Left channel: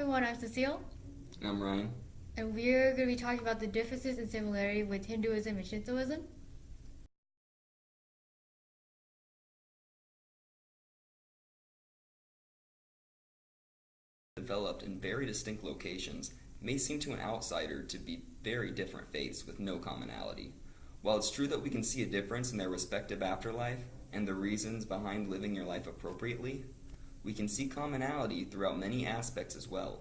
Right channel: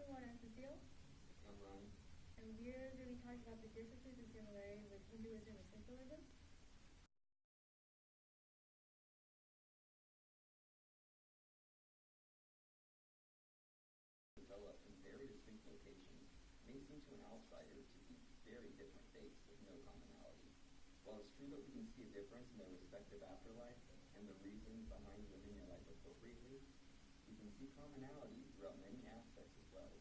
everyone, I'm Cecile, I'm Ryan. and we're going to be talking about the differences and similarity with Hinduism and Shintoism. Developed in very distinct locations may seem to an outsider to be very different faiths with no commonality. While it's true that we can see a difference in their respective afterlife and the reasons behind living your life appropriately, we can see commonality throughout many aspects as well.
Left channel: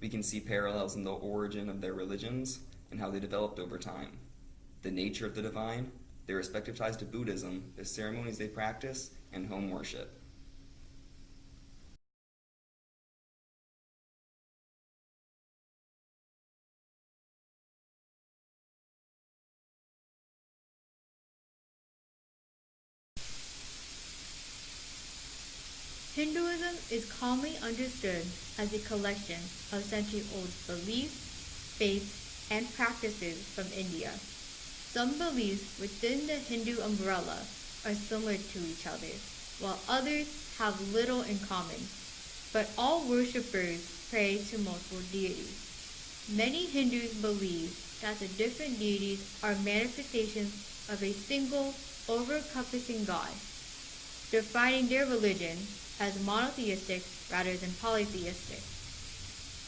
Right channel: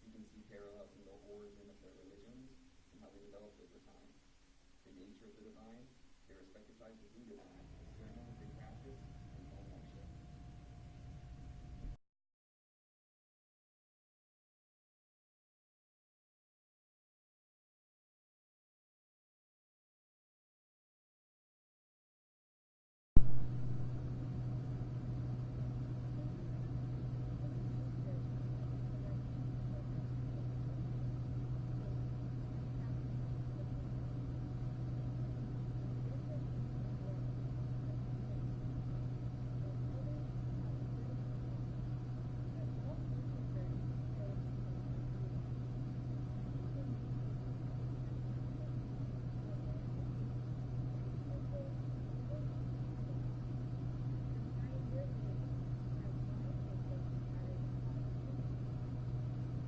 We can see parallels in the origin of their religions and how they developed over time, the nature of the divine, their respective ties to Buddhism, the ceremonies they practice, and home worship. Hinduism is commonly understood as a collection of century-old beliefs, faiths, and practices from India. Some beliefs within the Hindu umbrella are similar to each other, while others have little in common. But all worshippers pray to multiple deities. Many Hindus believe that the different deities are manifestations of a single, over-encompassing God, defining their religion as monotheistic rather than polytheistic.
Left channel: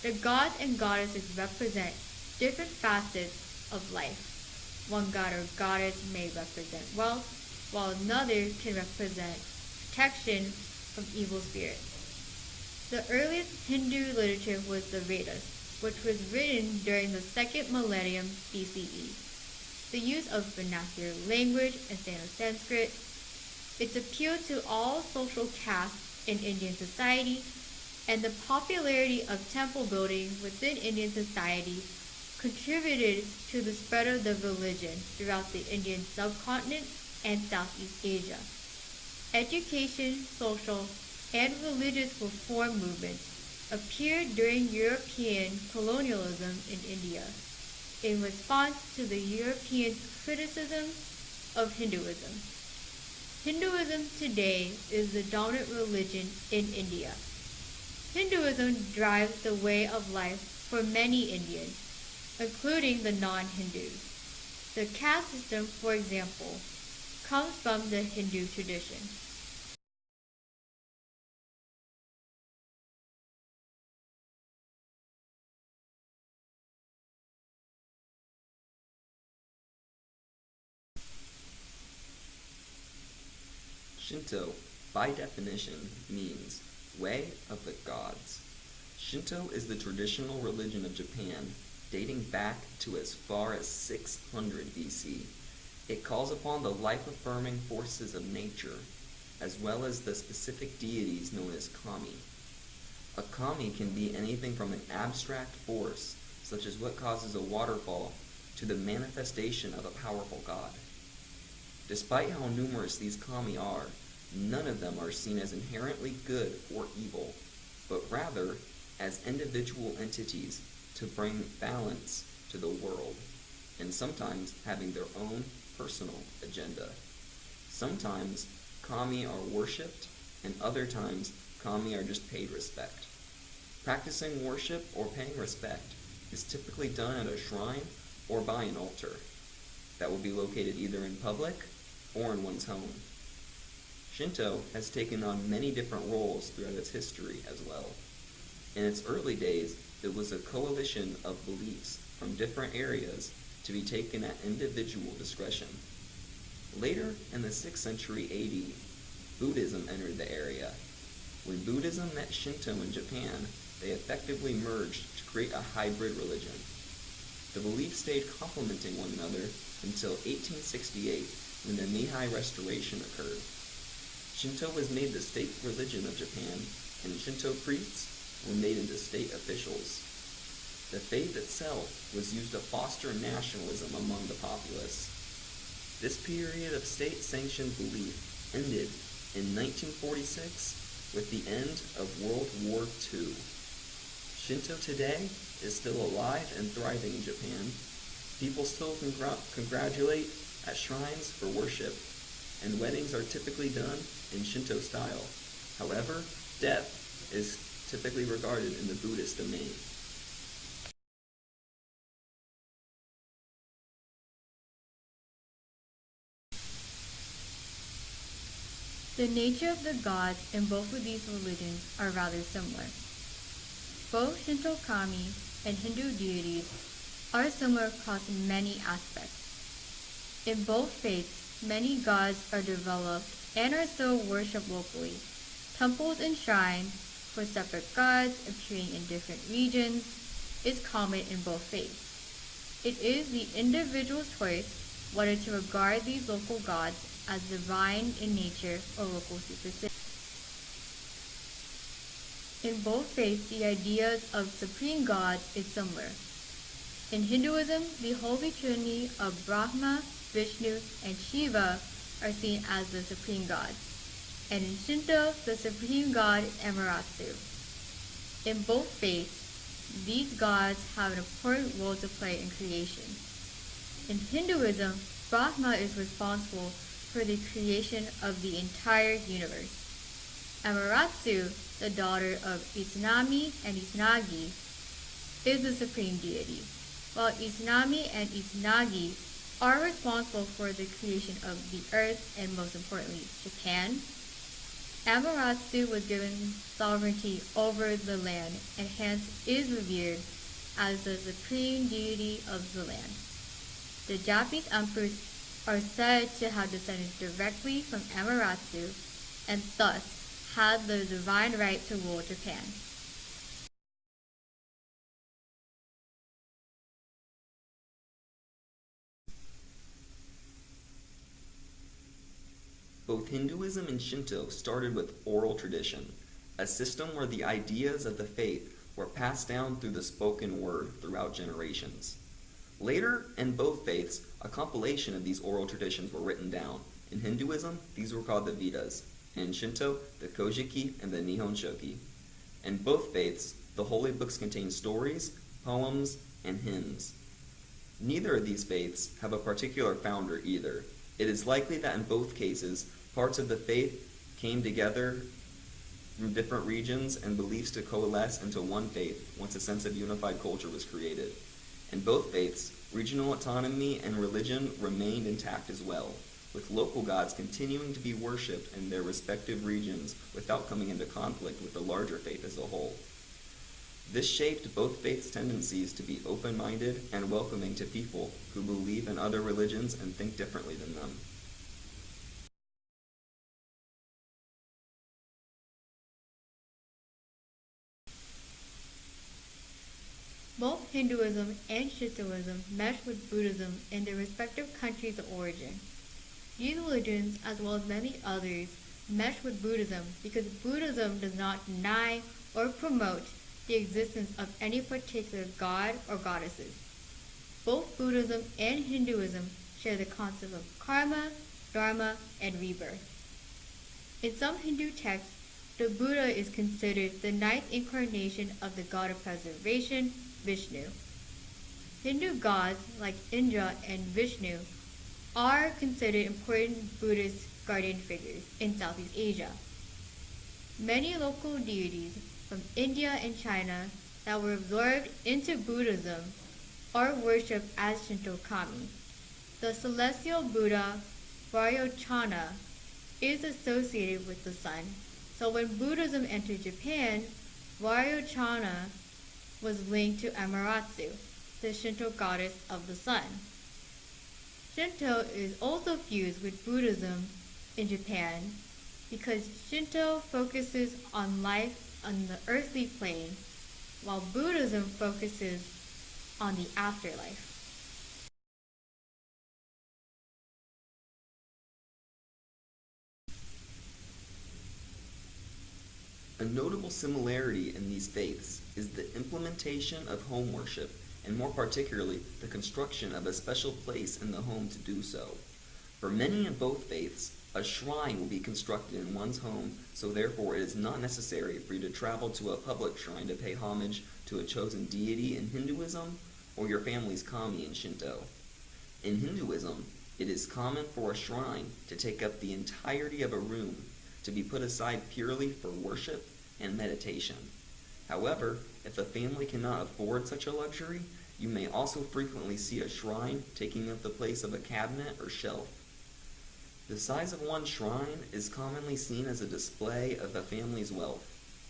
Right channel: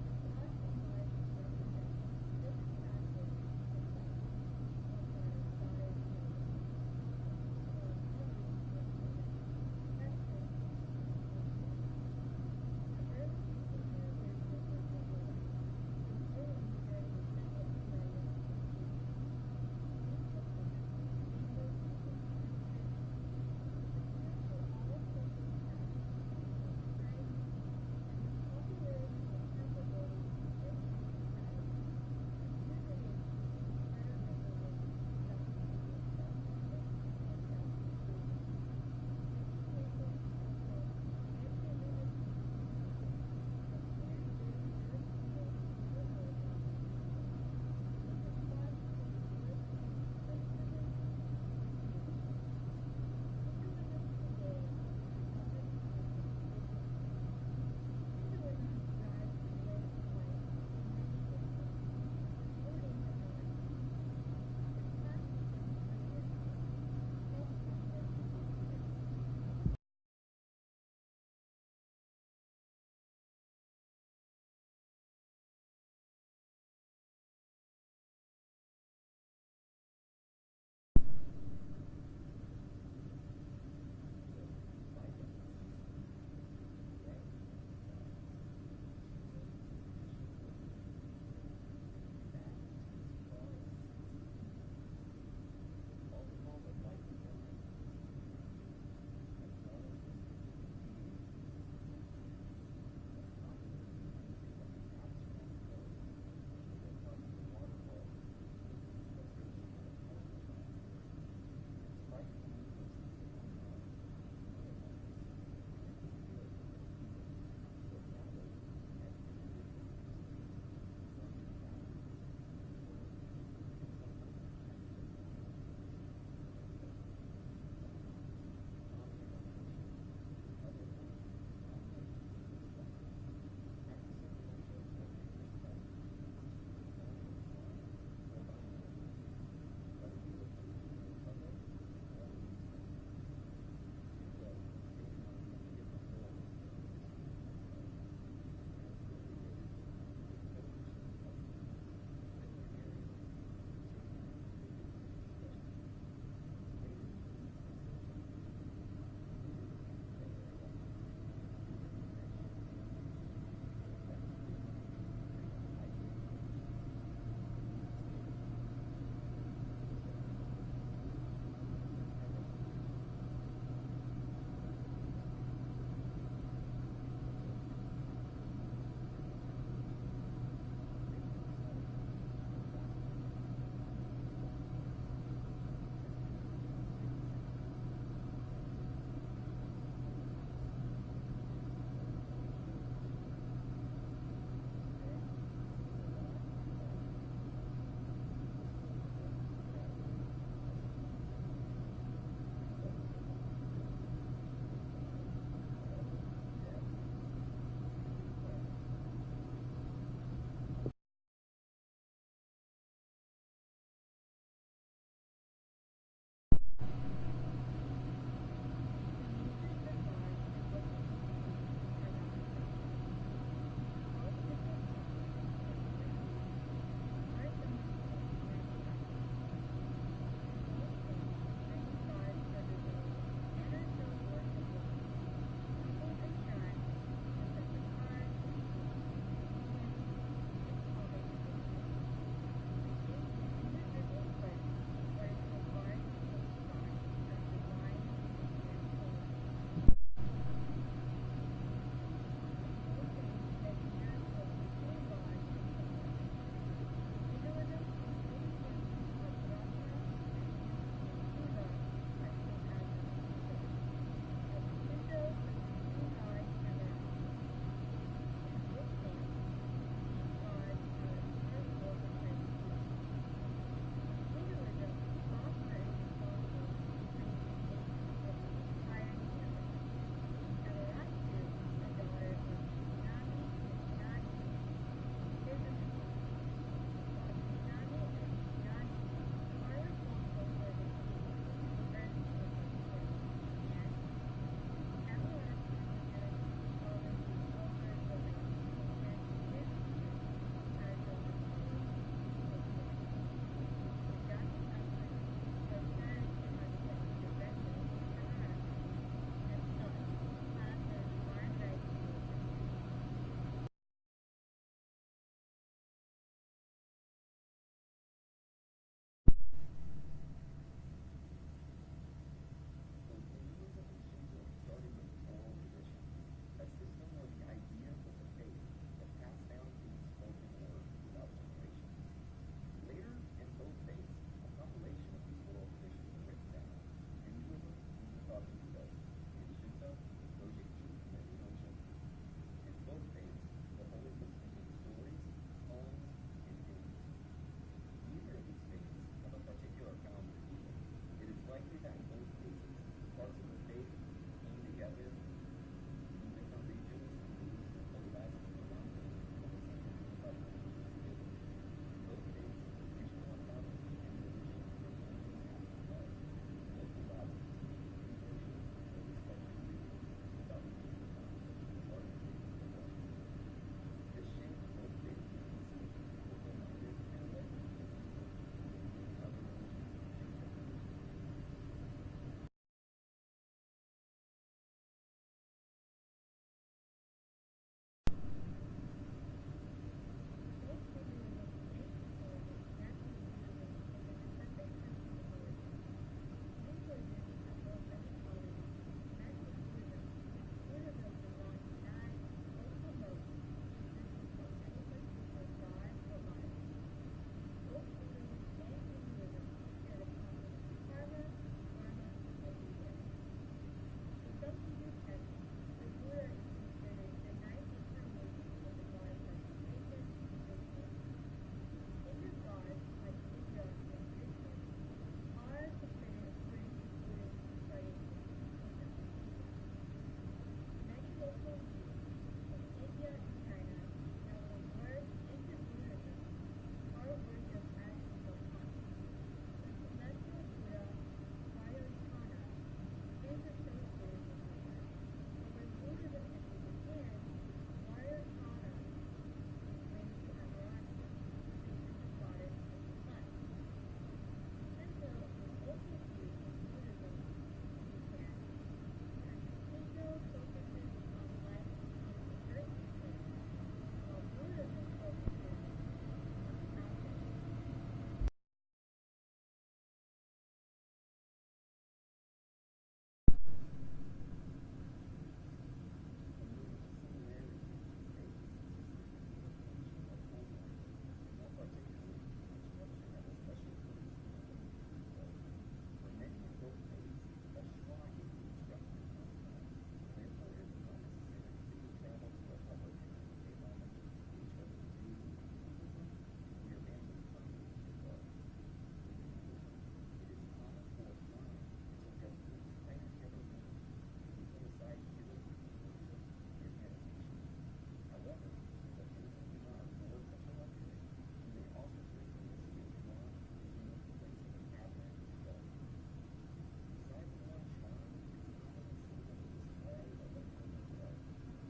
The gods and goddesses represent different facets of life. One god or goddess may represent wealth, while another can represent protection from evil spirits. The earliest Hindu literature was the Vedas, which was written during the second millennium BCE. The use of vernacular language and Sanskrit, its appeal to all social castes in Indian society, and the popularity of temple building within Indian society contributed to the spread of the religion throughout the Indian subcontinent and Southeast Asia. Education, social, and religious reform movements appeared during European colonialism in India in response to the Europeans' criticism of Hinduism. Hinduism today is the dominant religion in India. Hinduism drives the way of life for many Indians, including the non-Hindus. The caste system, for example, comes from the Hindu tradition. Shinto, by definition, means way of the gods. Shinto is the traditional religion of Japan, dating back to as far as 600 BC. It calls upon the life-affirming forces of nature, as well as the specific deities known as kami. A kami can be anything from an abstract force, such as what causes a waterfall, to the manifestation of a powerful god. Despite how numerous these kami are, none of them are seen as inherently good or evil, but rather as individual entities to bring balance to the world, and sometimes having their own personal agenda. Sometimes kami are worshipped, and other times kami are just paid respect. Practicing worship or paying respect is typically done at a shrine or by an altar that will be located either in public or in one's home. Shinto has taken on many different roles throughout its history as well. In its early days, it was a coalition of beliefs from different areas to be taken at individual discretion. Later, in the 6th century AD, Buddhism entered the area. When Buddhism met Shinto in Japan, they effectively merged to create a hybrid religion. The beliefs stayed complementing one another until 1868, when the Meiji Restoration occurred. Shinto was made the state religion of Japan, and Shinto priests were made into state officials. The faith itself was used to foster nationalism among the populace. This period of state-sanctioned belief ended in 1946 with the end of World War II. Shinto today is still alive and thriving in Japan. People still congratulate at shrines for worship, and weddings are typically done in Shinto style. However, death is typically regarded in the Buddhist domain. The nature of the gods in both of these religions are rather similar. Both Shinto kami and Hindu deities are similar across many aspects. In both faiths, many gods are developed and are still worshipped locally. Temples and shrines for separate gods appearing in different regions is common in both faiths. It is the individual's choice whether to regard these local gods as divine in nature or local superstition. In both faiths, the ideas of supreme gods is similar. In Hinduism, the Holy Trinity of Brahma, Vishnu, and Shiva are seen as the supreme gods, and in Shinto, the supreme god is Amaterasu. In both faiths, these gods have an important role to play in creation. In Hinduism, Brahma is responsible for the creation of the entire universe. Amaterasu, the daughter of Izanami and Izanagi, is the supreme deity, while Izanami and Izanagi are responsible for the creation of the earth and most importantly, Japan. Amaterasu was given sovereignty over the land and hence is revered as the supreme deity of the land. The Japanese emperors are said to have descended directly from Amaterasu and thus had the divine right to rule Japan. Both Hinduism and Shinto started with oral tradition, a system where the ideas of the faith were passed down through the spoken word throughout generations. Later, in both faiths, a compilation of these oral traditions were written down. In Hinduism, these were called the Vedas. In Shinto, the Kojiki and the Nihon Shoki. In both faiths, the holy books contain stories, poems, and hymns. Neither of these faiths have a particular founder either. It is likely that in both cases, parts of the faith came together from different regions and beliefs to coalesce into one faith once a sense of unified culture was created. In both faiths, regional autonomy and religion remained intact as well, with local gods continuing to be worshipped in their respective regions without coming into conflict with the larger faith as a whole. This shaped both faiths' tendencies to be open-minded and welcoming to people who believe in other religions and think differently than them. Both Hinduism and Shintoism mesh with Buddhism in their respective countries of origin. These religions, as well as many others, mesh with Buddhism because Buddhism does not deny or promote the existence of any particular god or goddesses. Both Buddhism and Hinduism share the concept of karma, dharma, and rebirth. In some Hindu texts, the Buddha is considered the ninth incarnation of the god of preservation, Vishnu. Hindu gods like Indra and Vishnu are considered important Buddhist guardian figures in Southeast Asia. Many local deities from India and China that were absorbed into Buddhism are worshipped as Shinto kami. The celestial Buddha, Vairocana, is associated with the sun. So when Buddhism entered Japan, Vairocana was linked to Amaterasu, the Shinto goddess of the sun. Shinto is also fused with Buddhism in Japan because Shinto focuses on life on the earthly plane, while Buddhism focuses on the afterlife. A notable similarity in these faiths is the implementation of home worship, and more particularly, the construction of a special place in the home to do so. For many in both faiths, a shrine will be constructed in one's home, so therefore it is not necessary for you to travel to a public shrine to pay homage to a chosen deity in Hinduism or your family's kami in Shinto. In Hinduism, it is common for a shrine to take up the entirety of a room, to be put aside purely for worship and meditation. However, if a family cannot afford such a luxury, you may also frequently see a shrine taking up the place of a cabinet or shelf. The size of one shrine is commonly seen as a display of a family's wealth.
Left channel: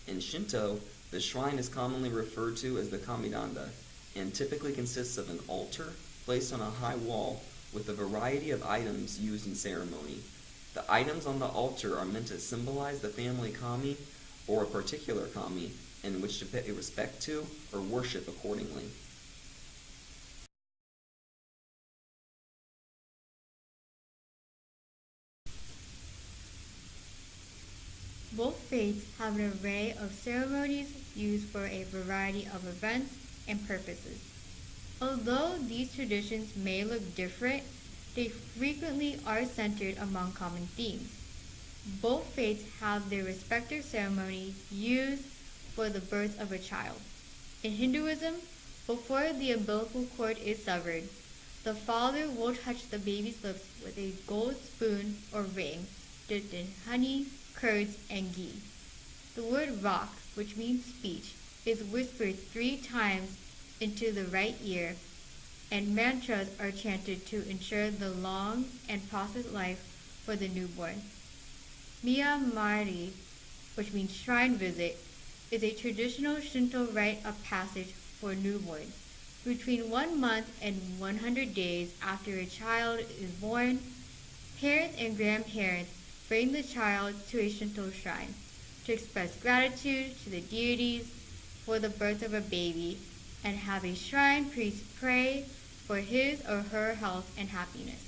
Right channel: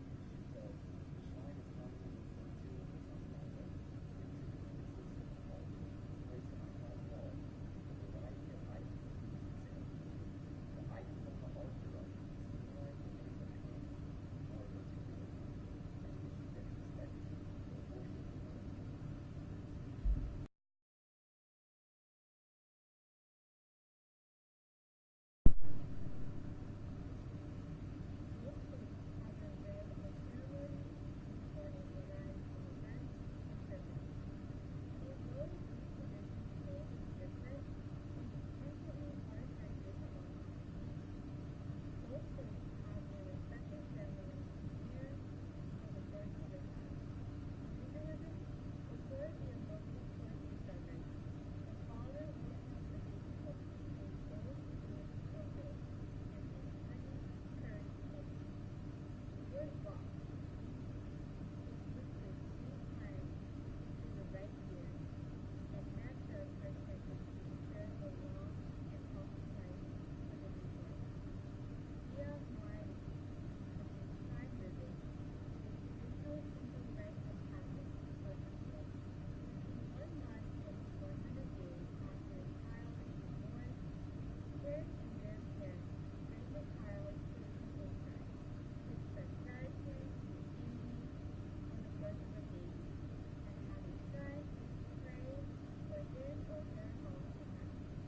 In Shinto, the shrine is commonly referred to as the kamidanda, and typically consists of an altar placed on a high wall with a variety of items used in ceremony. The items on the altar are meant to symbolize the family kami or a particular kami in which to pay respect to or worship accordingly. Both faiths have an array of ceremonies used for a variety of events and purposes. Although these traditions may look different, they frequently are centered among common themes. Both faiths have their respective ceremony used for the birth of a child. In Hinduism, before the umbilical cord is severed, the father will touch the baby's lips with a gold spoon or ring dipped in honey, curds, and ghee. The word rock, which means speech, is whispered 3 times into the right ear, and mantras are chanted to ensure the long and prosperous life for the newborn. Miyamari, which means shrine visit, is a traditional Shinto rite of passage for newborns. Between 1 month and 100 days after a child is born, parents and grandparents bring the child to a Shinto shrine to express gratitude to the deities for the birth of a baby and have a shrine priest pray for his or her health and happiness.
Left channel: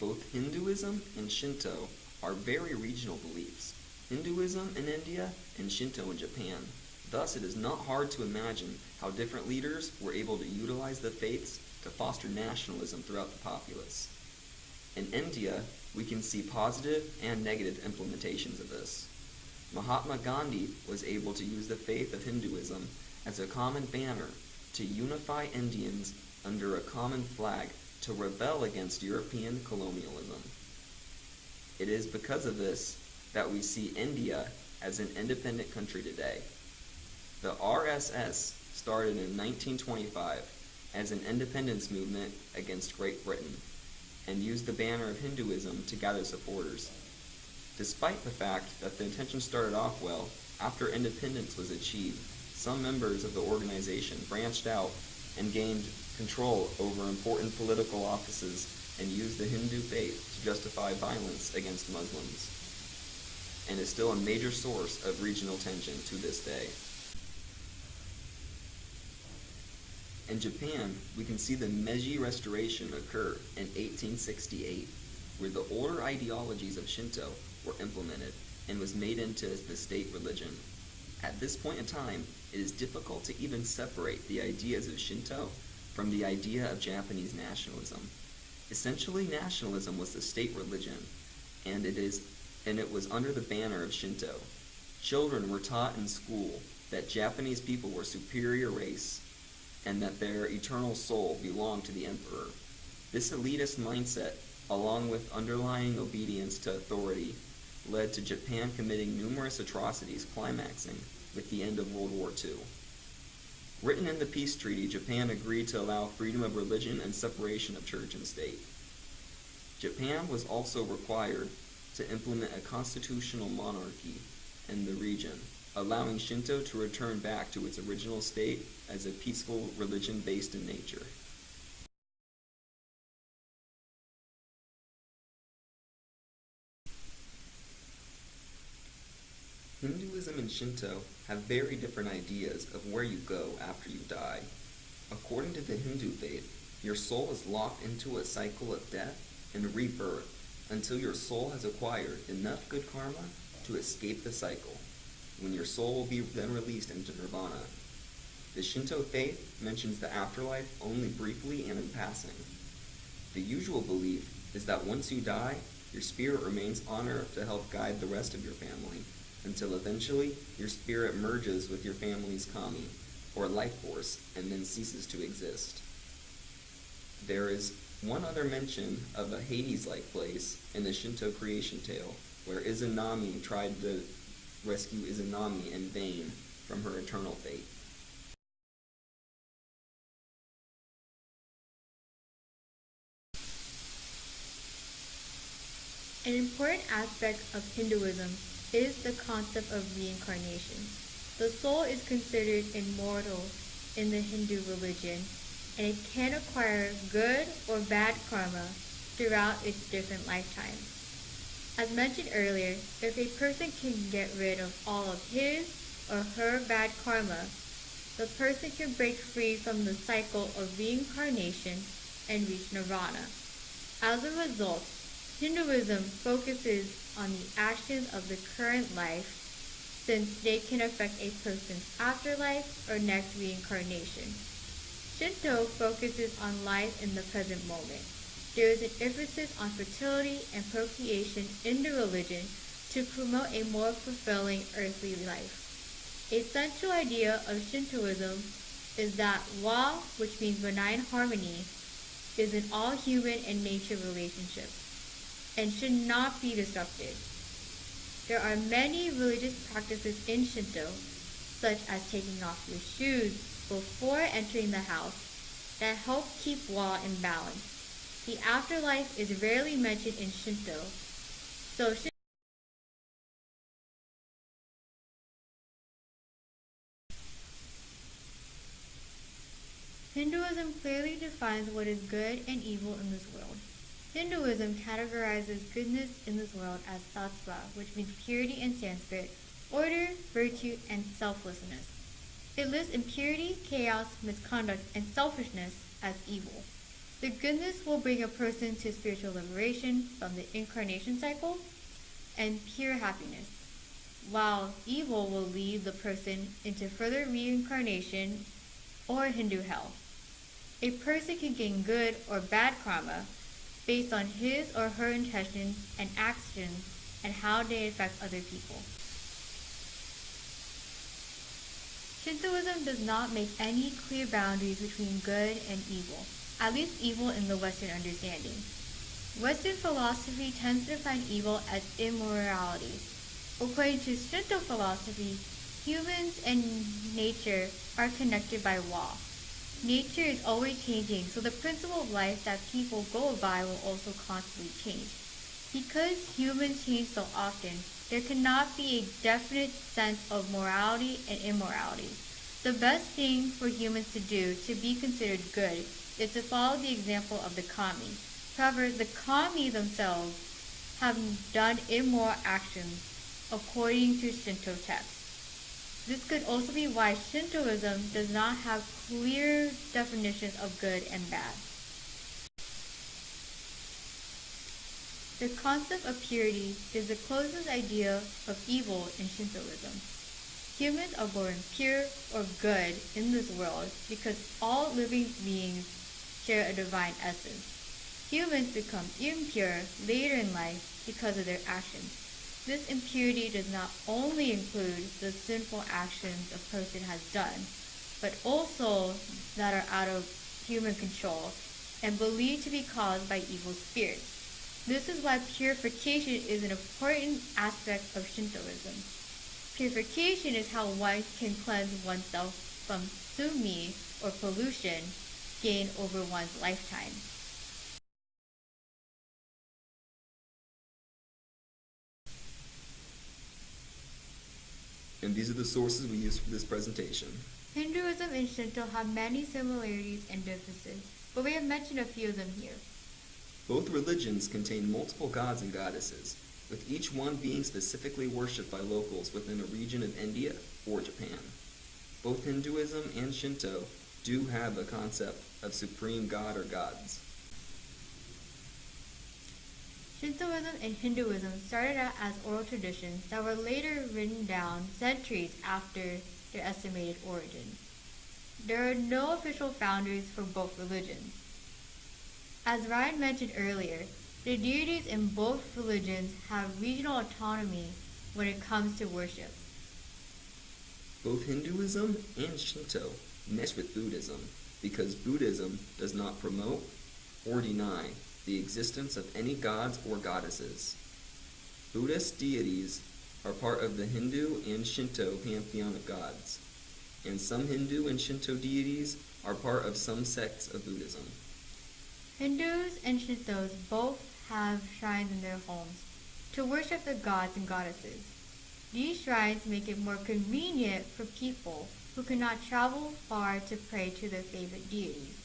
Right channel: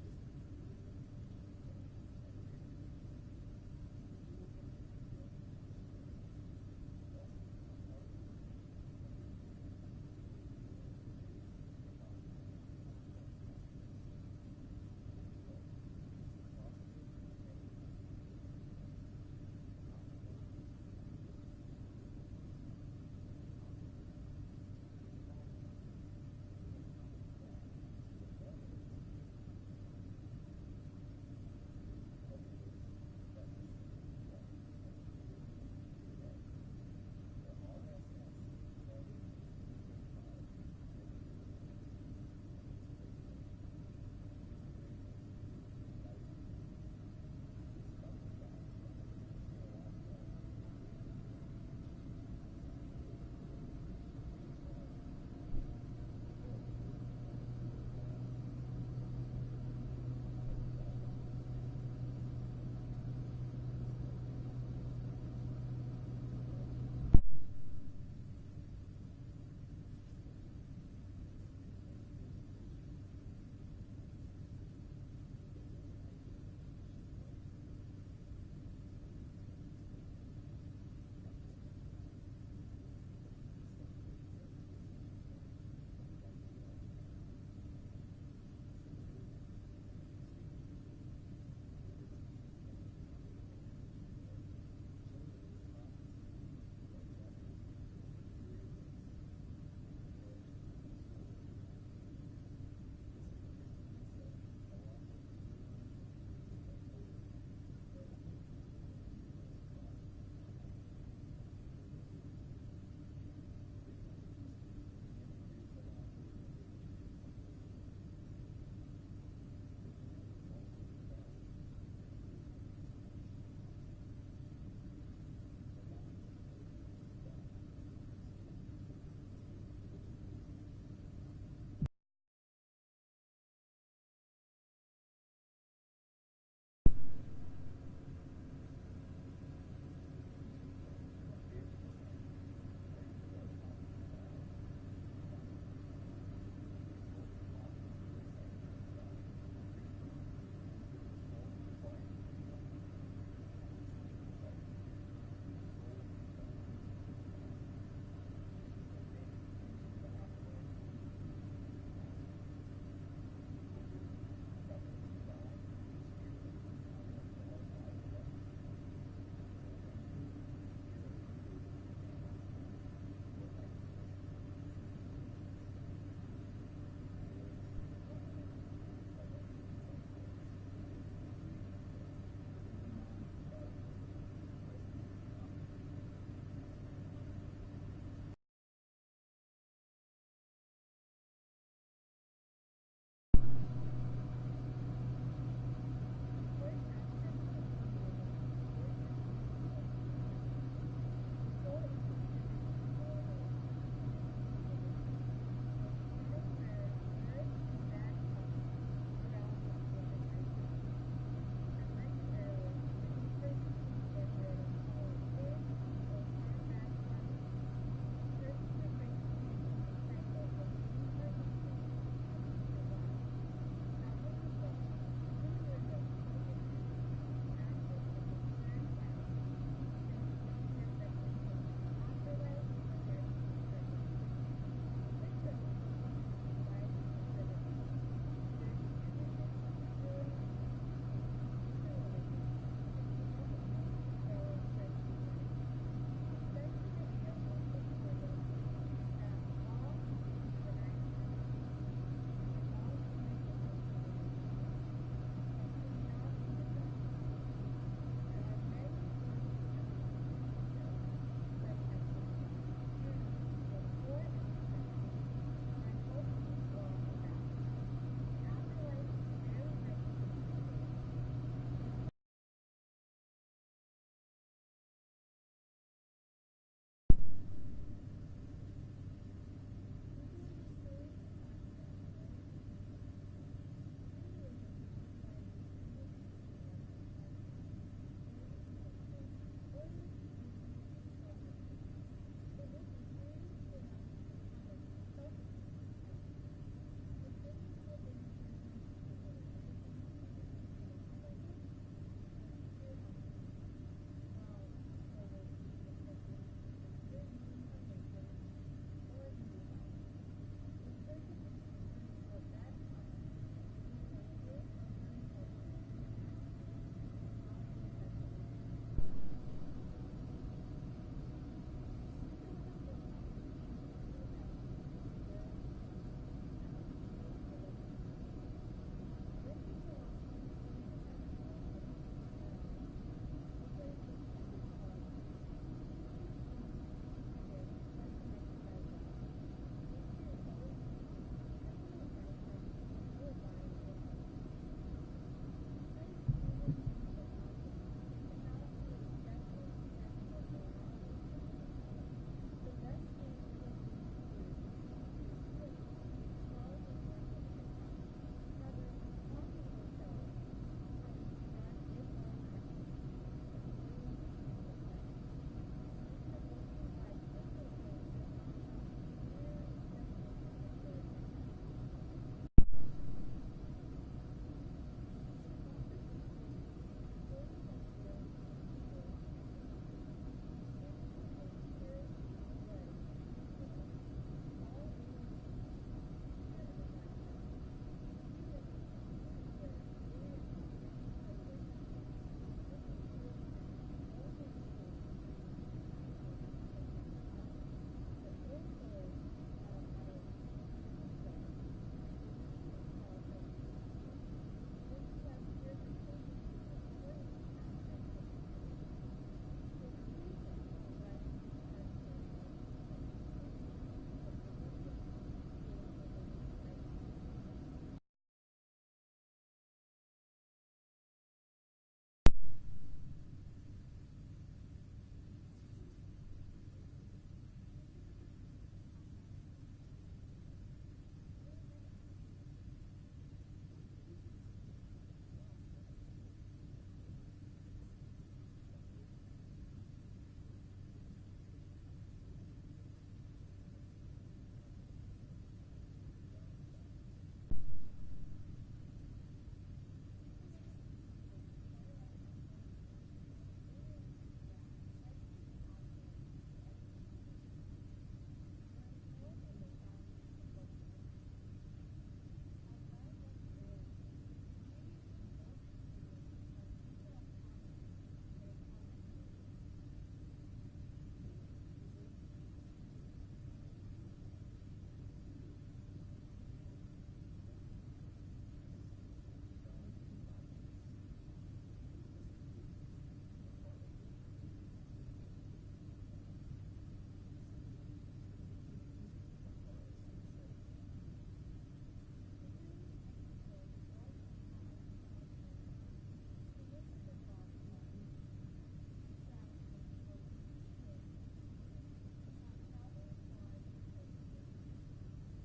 Both Hinduism and Shinto are very regional beliefs. Hinduism in India and Shinto in Japan. Thus, it is not hard to imagine how different leaders were able to utilize the faiths to foster nationalism throughout the populace. In India, we can see positive and negative implementations of this. Mahatma Gandhi was able to use the faith of Hinduism as a common banner to unify Indians under a common flag to rebel against European colonialism. It is because of this that we see India as an independent country today. The RSS started in 1925 as an independence movement against Great Britain and used the banner of Hinduism to gather supporters. Despite the fact that the intention started off well, after independence was achieved, some members of the organization branched out and gained control over important political offices and used the Hindu faith to justify violence against Muslims, and is still a major source of regional tension to this day. In Japan, we can see the Meiji Restoration occur in 1868, where the older ideologies of Shinto were implemented and was made into the state religion. At this point in time, it is difficult to even separate the ideas of Shinto from the idea of Japanese nationalism. Essentially, nationalism was the state religion, and it was under the banner of Shinto. Children were taught in school that Japanese people were a superior race, and that their eternal soul belonged to the emperor. This elitist mindset, along with underlying obedience to authority, led to Japan committing numerous atrocities, climaxing with the end of World War II. Written in the peace treaty, Japan agreed to allow freedom of religion and separation of church and state. Japan was also required to implement a constitutional monarchy in the region, allowing Shinto to return back to its original state as a peaceful religion based in nature. Hinduism and Shinto have very different ideas of where you go after you die. According to the Hindu faith, your soul is locked into a cycle of death and rebirth until your soul has acquired enough good karma to escape the cycle, when your soul will be then released into nirvana. The Shinto faith mentions the afterlife only briefly and in passing. The usual belief is that once you die, your spirit remains on earth to help guide the rest of your family, until eventually your spirit merges with your family's kami, or life force, and then ceases to exist. There is one other mention of a Hades-like place in the Shinto creation tale, where Izanami tried to rescue Izanami in vain from her eternal fate. An important aspect of Hinduism is the concept of reincarnation. The soul is considered immortal in the Hindu religion, and it can acquire good or bad karma throughout its different lifetimes. As mentioned earlier, if a person can get rid of all of his or her bad karma, the person can break free from the cycle of reincarnation and reach nirvana. As a result, Hinduism focuses on the actions of the current life, since they can affect a person's afterlife or next reincarnation. Shinto focuses on life in the present moment. There is an emphasis on fertility and procreation in the religion to promote a more fulfilling earthly life. A central idea of Shintoism is that Wa, which means benign harmony, is in all human and nature relationships and should not be disrupted. There are many religious practices in Shinto, such as taking off your shoes before entering the house, that help keep Wa in balance. The afterlife is rarely mentioned in Shinto, so Hinduism clearly defines what is good and evil in this world. Hinduism categorizes goodness in this world as sattva, which means purity in Sanskrit, order, virtue, and selflessness. It lists impurity, chaos, misconduct, and selfishness as evil. The goodness will bring a person to spiritual liberation from the incarnation cycle and pure happiness, while evil will lead the person into further reincarnation or Hindu hell. A person can gain good or bad karma based on his or her intentions and actions and how they affect other people. Shintoism does not make any clear boundaries between good and evil, at least evil in the Western understanding. Western philosophy tends to define evil as immorality. According to Shinto philosophy, humans and nature are connected by Wa. Nature is always changing, so the principle of life that people go by will also constantly change. Because humans change so often, there cannot be a definite sense of morality and immorality. The best thing for humans to do to be considered good is to follow the example of the kami. However, the kami themselves have done immoral actions according to Shinto texts. This could also be why Shintoism does not have clear definitions of good and bad. The concept of purity is the closest idea of evil in Shintoism. Humans are born pure or good in this world because all living beings share a divine essence. Humans become impure later in life because of their actions. This impurity does not only include the sinful actions a person has done, but also that are out of human control and believed to be caused by evil spirits. This is why purification is an important aspect of Shintoism. Purification is how one can cleanse oneself from sumi, or pollution, gained over one's lifetime. And these are the sources we use for this presentation. Hinduism and Shinto have many similarities and differences, but we have mentioned a few of them here. Both religions contain multiple gods and goddesses, with each one being specifically worshipped by locals within a region of India or Japan. Both Hinduism and Shinto do have a concept of supreme god or gods. Shintoism and Hinduism started out as oral traditions that were later written down centuries after their estimated origins. There are no official founders for both religions. As Ryan mentioned earlier, the deities in both religions have regional autonomy when it comes to worship. Both Hinduism and Shinto mesh with Buddhism because Buddhism does not promote or deny the existence of any gods or goddesses. Buddhist deities are part of the Hindu and Shinto pantheon of gods, and some Hindu and Shinto deities are part of some sects of Buddhism. Hindus and Shintos both have shrines in their homes to worship the gods and goddesses. These shrines make it more convenient for people who cannot travel far to pray to their favorite deities.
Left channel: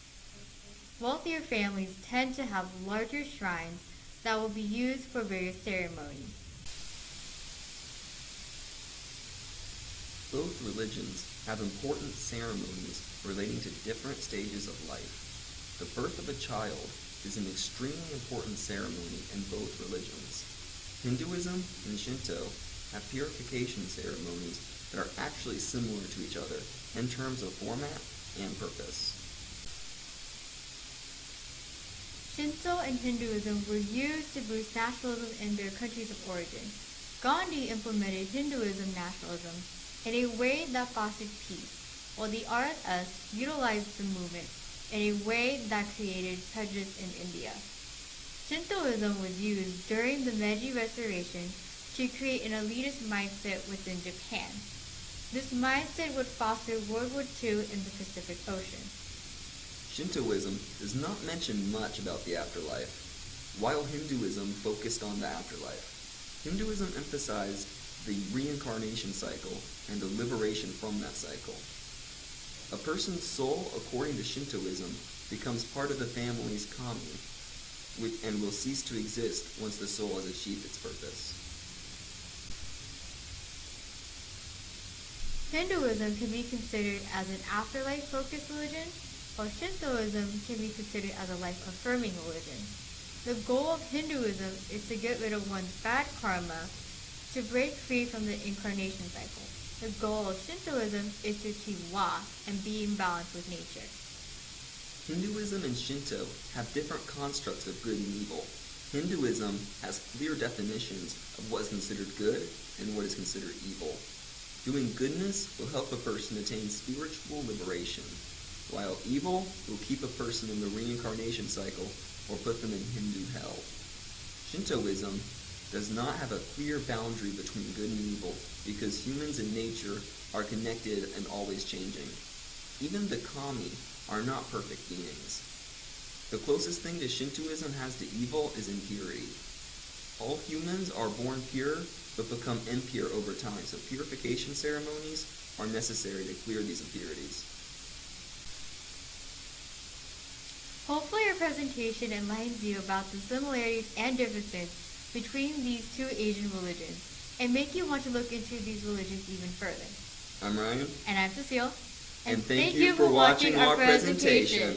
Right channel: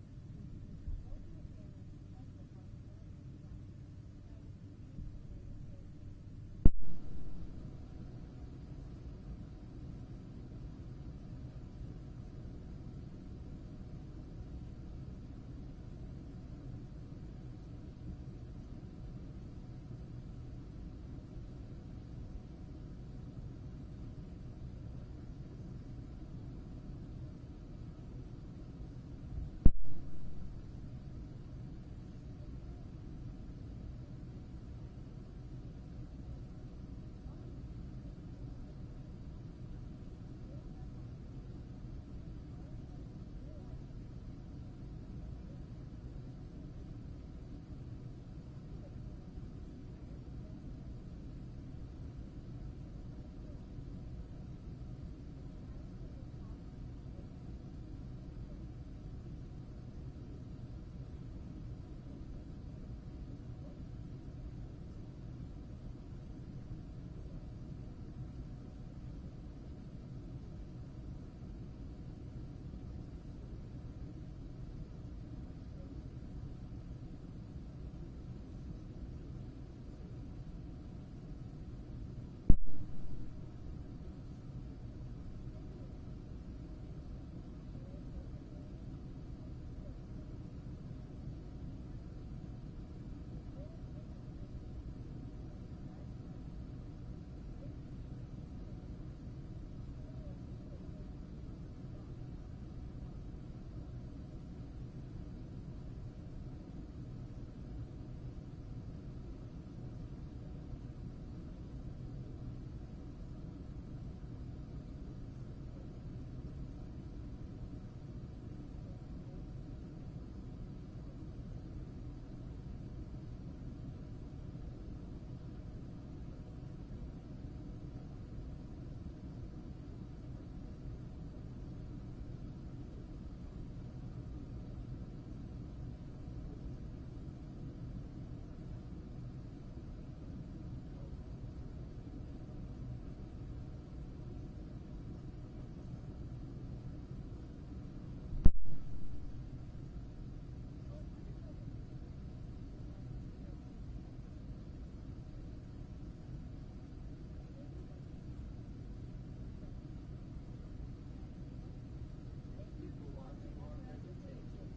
Wealthier families tend to have larger shrines that will be used for various ceremonies. Both religions have important ceremonies relating to different stages of life. The birth of a child is an extremely important ceremony in both religions. Hinduism and Shinto have purification ceremonies that are actually similar to each other in terms of format and purpose. Shinto and Hinduism were used to boost nationalism in their countries of origin. Gandhi implemented Hinduism nationalism in a way that fostered peace, while the RSS utilized the movement in a way that created prejudice in India. Shintoism was used during the Meiji Restoration to create an elitist mindset within Japan. This mindset would foster World War II in the Pacific Ocean. Shintoism does not mention much about the afterlife, while Hinduism focused on the afterlife. Hinduism emphasized the reincarnation cycle and the liberation from that cycle. A person's soul, according to Shintoism, becomes part of the family's kami, and will cease to exist once the soul has achieved its purpose. Hinduism can be considered as an afterlife-focused religion, while Shintoism can be considered as a life-affirming religion. The goal of Hinduism is to get rid of one's bad karma, to break free from the incarnation cycle. The goal of Shintoism is to achieve law and be in balance with nature. Hinduism and Shinto have different constructs of good and evil. Hinduism has clear definitions of what is considered good and what is considered evil. Doing goodness will help a person attain spiritual liberation, while evil will keep a person in the reincarnation cycle or put them in Hindu hell. Shintoism does not have a clear boundary between good and evil because humans and nature are connected and always changing. Even the kami are not perfect beings. The closest thing that Shintoism has to evil is impurity. All humans are born pure but become impure over time, so purification ceremonies are necessary to clear these impurities. Hopefully your presentation enlightens you about the similarities and differences between these two Asian religions and make you want to look into these religions even further. I'm Ryan. And I'm Cecile. And thank you for watching our presentation.